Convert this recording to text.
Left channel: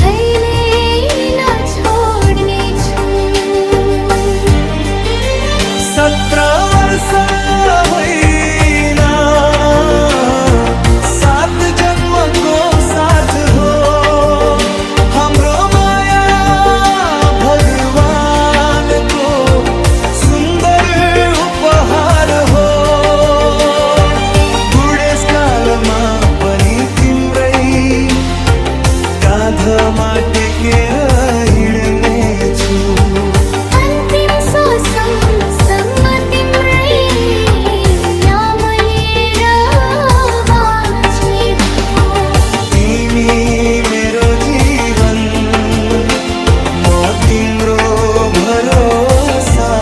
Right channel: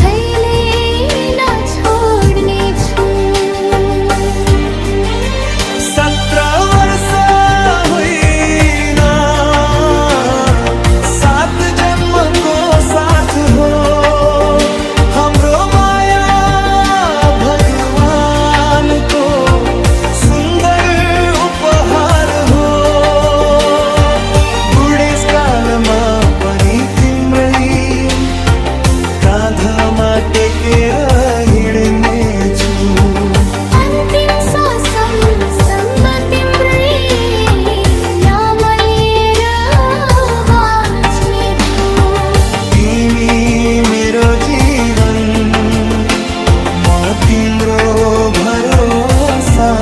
थैले नछोड्ने छु। 17 वर्ष होइन 7 जन्मको साथ हो हाम्रो माया भगवानको सुन्दर उपहार हो। बुढेसकालमा पनि तिम्रै काँधमा टेकेर हिँड्ने छु। अन्तिम श्वाससम्म तिम्रै नाम लिएर बाँच्ने छु। तिमी मेरो जीवन म तिम्रो भरोसा।